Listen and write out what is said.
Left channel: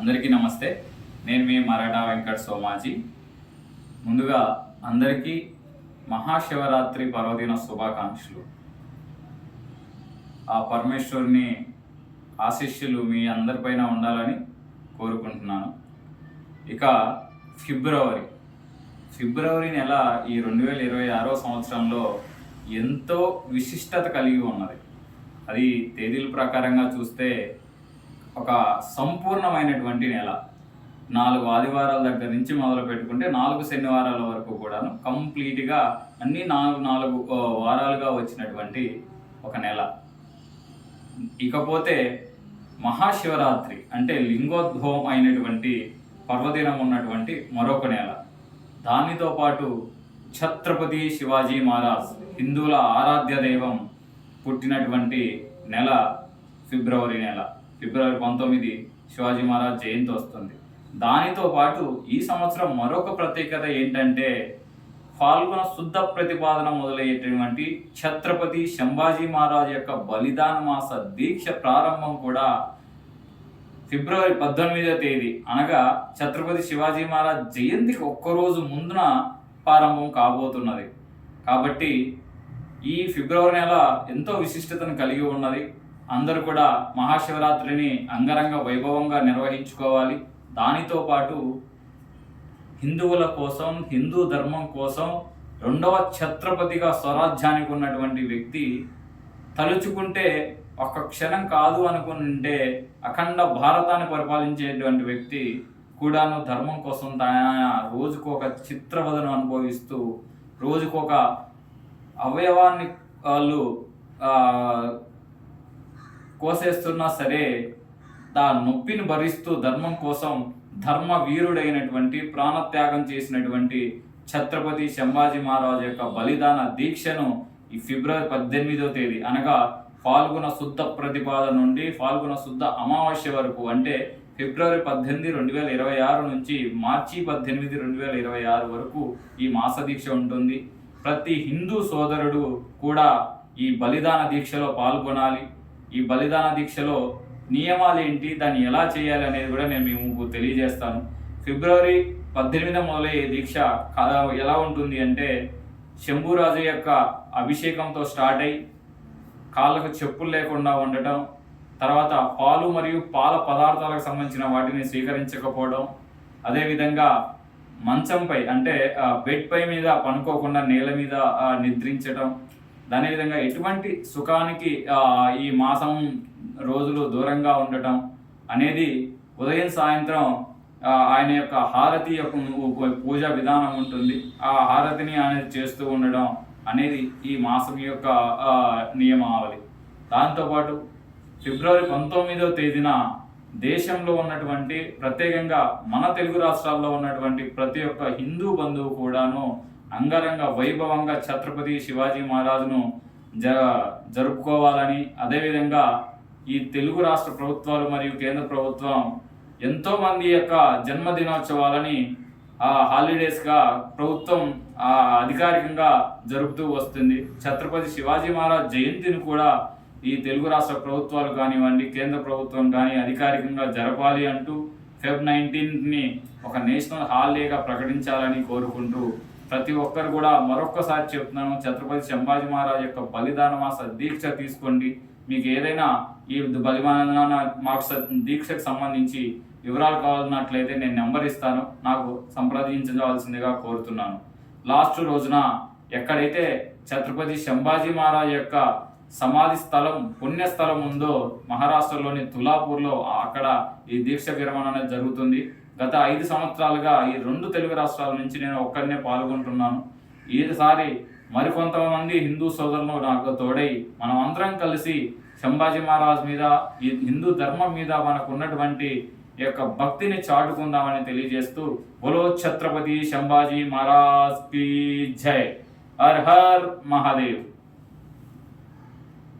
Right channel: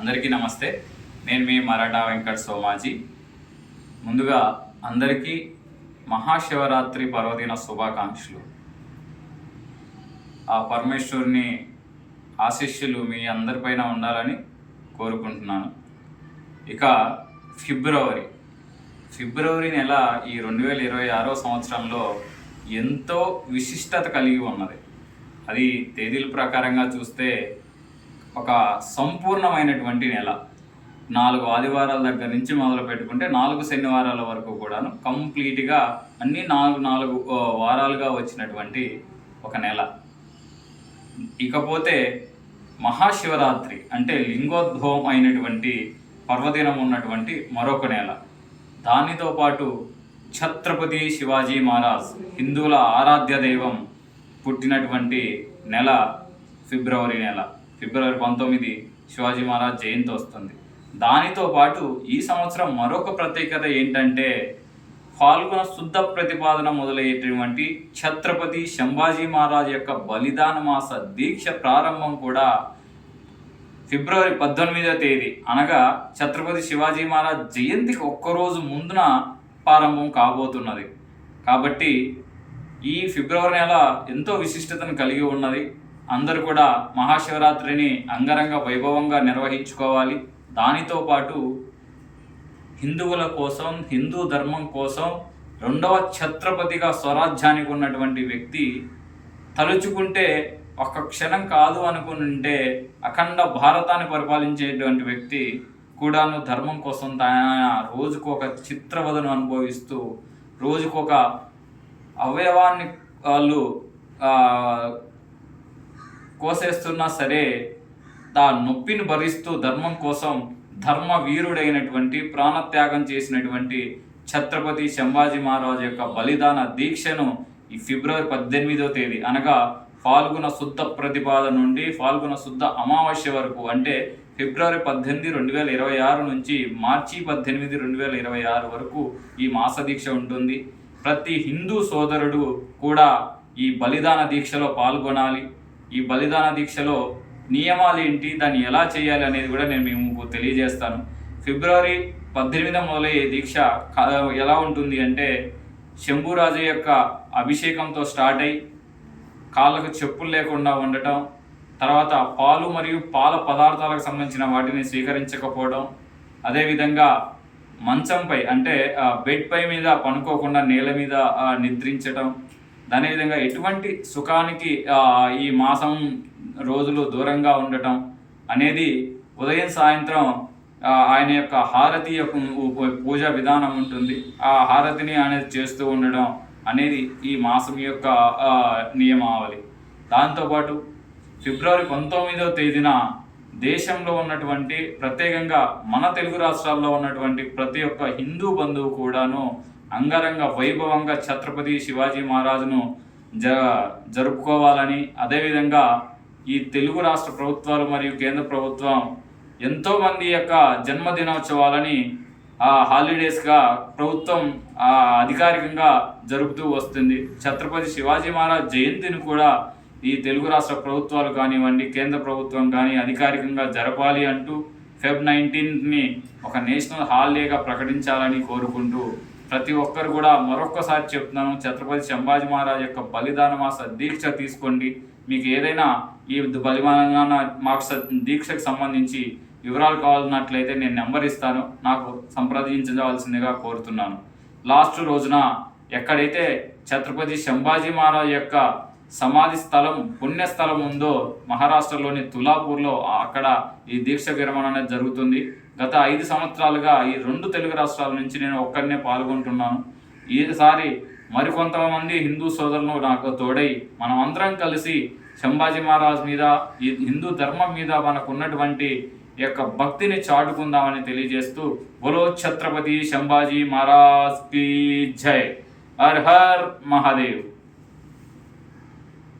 అందరికీ నమస్తే. నేను మీ మరాఠా వెంకట్ సోమాజీ. ముందుగా అందరికీ మహాశివరాత్రి పర్వదిన శుభాకాంక్షలు. ఆ పరమేశ్వరుని ఆశీస్సులు మీ అందరిపైన ఉండాలని కోరుకుంటున్నాను. ఇక ఫిబ్రవరి. ఫిబ్రవరి నెల ఈ రెండు వేల ఇరవై ఆరో సంవత్సరంలో ఎంతో విశిష్టత కలిగి ఉన్నది. అది తేదీల ప్రకారంగా చూస్తే ఒక సంపూర్ణమైనటువంటి నెల. నాలుగు ఆదివారాల దగ్గర నుంచి మొదలు పెట్టుకుంటే నాలుగు శనివారాల వరకు కూడాను కంప్లీట్గా అన్ని నాలుగు నాలుగు వారాలుగా వచ్చినటువంటి ఒక నెల. ఇకపోతే మహాశివరాత్రి అంటే లింగోద్భవం అయినటువంటి పర్వదినం ఉన్నటువంటి మరొక నెల. దానితో పాటు ఛత్రపతి శివాజీ మహారాజ్ హిందువుల ఆరాధ్య దైవం పుట్టినటువంటి నెల ఫిబ్రవరి నెల. ఫిబ్రవరి పంతొమ్మిది శివాజీ మహారాజ్ జయంతి వస్తుంది. దానితో పాటు ఈ సంవత్సరం మరొక ప్రత్యేకత ఏంటంటే ఫాల్గుణ శుద్ధ ప్రతిపాదన మొదలయ్యేటటువంటి ఛత్రపతి శంభాజీ మహారాజ్ యొక్క బలిదాన మాస దీక్ష ప్రారంభం కూడా ఫిబ్రవరి పద్దెనిమిదో తేదీ. అనగా ఛత్రపతి శివాజీ మహారాజ్ జయంతికి ఒక్కరోజు ముందున ప్రారంభం కాబోతున్నది. కాబట్టి ఈ ఫిబ్రవరి నెల ఎంతో విశిష్టతను కలిగి ఉన్నది. అందరూ కూడా మహాశివరాత్రిని అంగరంగ వైభవంగా నిర్వహించుకోవాలి. దానితో పాటు హిందువుల కోసం హిందూ ధర్మం కోసం రెండవ ఛత్రపతిగా స్వరాజ్యానికి ఉన్నటువంటి వ్యక్తి తలుచుకుంటే ఒక్క క్షణం కాదు అనుకుంటే అఖండ భారతాన్ని పరిపాలించేటువంటి వ్యక్తి కూడాను ధర్మం కోసం తన రోజుకు ఒక చిత్రవదను అనుభవిస్తూ రోజుకొక అవయవాన్ని వాళ్ళు కోసేస్తున్నా సరే తా నొప్పిని భరిస్తూ ధర్మం కోసం ధర్మ వీరుడైనటువంటి ప్రాణత్యాగం చేసినటువంటి ఛత్రపతి శంభాజీ మహారాజు యొక్క బలిదాన దీక్షను ఈ ఫిబ్రవరి పద్దెనిమిదో తేదీ అనగా ఫాల్గుణ శుద్ధ ప్రతిపాదన నుండి ఫాల్గుణ శుద్ధ అమావాస్య వరకు అంటే ఫిబ్రవరి పద్దెనిమిది రెండు వేల ఇరవై ఆరు నుంచి మార్చి పద్దెనిమిది రెండు వేల ఇరవై ఆరు వరకు ఈ మాస దీక్ష ఉంటుంది. ప్రతి హిందూ సోదరుడు కూడా ఈ బలిదాన దీక్షలో పాల్గొనాలి. ఈ బలిదాన దీక్షలో నియమాలు ఏంటి దాన్ని ఎలా చేయాలి అనేది కూడా నేను మీకు తెలియజేస్తాను. ఫిబ్రవరి పద్దెనిమిది మొదలయ్యే దీక్ష ఎలా ఉంటుంది అంటే శంభురాజు యొక్క అభిషేకంతో స్టార్ట్ అయి కాళ్ళకు చెప్పులు లేకుండా ఉండటం తర్వాత పాలు మరియు పాల పదార్థాలకు సంబంధించిన వాటిని స్వీకరించకపోవడం అదేవిధంగా మంచంపై అంటే ఆ, బెడ్ పై మీద పనుకోకుండా నేల మీద నిద్రించటం అదేవిధంగా ఎటువంటి సుఖానికి ఈ మాసం రోజులు దూరంగా ఉండటం అనేది ఉదయం సాయంత్రం ఆయన యొక్క హారతి యొక్క పూజా విధానం ఉంటుంది. ఆ హారతిని అనేది చేస్తూ ఉండడం అనేది ఈ మాసం యొక్క నియమావళి. దాంతోపాటు ఫిబ్రవరి పంతొమ్మిదో తేదీన దేశంలో ఉన్నటువంటి ప్రత్యేకంగా మన తెలుగు రాష్ట్రాల్లో ఉన్నటువంటి ప్రతి ఒక్క హిందూ బంధువు కూడాను అంగరంగ వైభవంగా ఛత్రపతి శివాజీ మహారాజును జ జరుపుకోవాలని అదేవిధంగా ఈ తెలుగు రాష్ట్ర ప్రభుత్వాలు మరియు కేంద్ర ప్రభుత్వం ఎంతోమంది యొక్క జన్మదినోత్సవాలని ఆ హాలిడేస్గా ప్రభుత్వం అధికారికంగా జరుపుతూ వస్తుంది. ఛత్రపతి శివాజీ మహారాజ్ జయంతిని కూడా ఈ తెలుగు రాష్ట్ర ప్రభుత్వాలు కానివ్వండి కేంద్ర ప్రభుత్వం కానీ అధికారికంగా జరపాలి అంటూ ఫెబ్ నైన్టీన్ని ఒక నేషనల్ హాలిడేగా ప్రకటించాలని కోరుకుంటూ ప్రతి ఒక్కరు కూడా మరొక్కసారి చెప్తున్నాను ఛత్రపతి శంభాజీ మహారాజ్ యొక్క బలిదాన మాస దీక్ష తీసుకోండి. మీకు ఏదైనా ఈ బలిదాన మాస దీక్షకు సంబంధించి వివరాలు కావాలన్నట్లయితే నేను నెంబర్ ఇస్తాను. నాకు సంప్రదించవలసిందిగా కోరుతున్నాను. లాస్ట్ రోజున ఎక్కడైతే ఛత్రపతి శంభాజీ మహారాజ్ యొక్క సమాధి స్థలం పుణ్యస్థలం ఉందో మహారాష్ట్రలోని తులాపూర్లో అక్కడ ఈ దీక్ష విరమణ అనేది జరుగుతుంది. గత ఐదు సంవత్సరాలుగా ఈ రెండు తెలుగు రాష్ట్రాల నుంచి నేను ఒక్కరినే పాల్గొంటున్నాను. ఈసారి మరికొంతమంది హిందూ సోదరులు నాకు తోడై మనం అందరం కలిసి శంభాజీ మహారాజ్ మీద ఈ హిందూ ధర్మం మీద మనకు ఉన్నటువంటి యొక్క భక్తిని చాటుకుందామని తెలియజేస్తూ బోలో ఛత్రపతి శంభాజీ మహారాజ్కి జై. హర్ హర్ మహాదేవ్.